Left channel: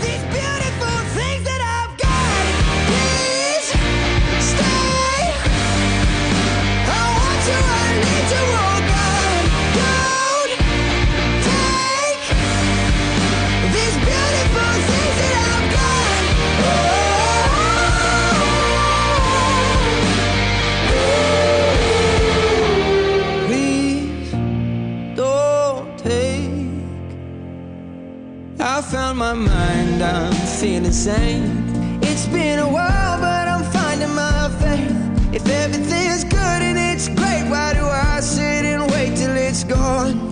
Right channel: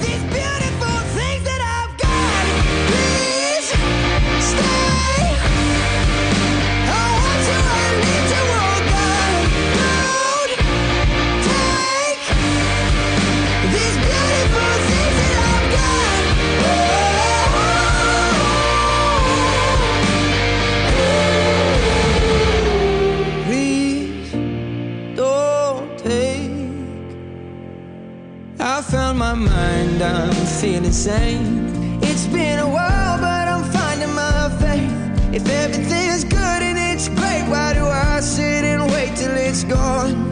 these beautiful things that I've got. Please stay. I want you, I need you, oh God. Don't take these beautiful things that I've got. Oh, please don't take. I found my mind, I'm feeling sane. It's been a while, but I'm finding my faith. If everything's good and it's great, why do I sit and wait till it's gone?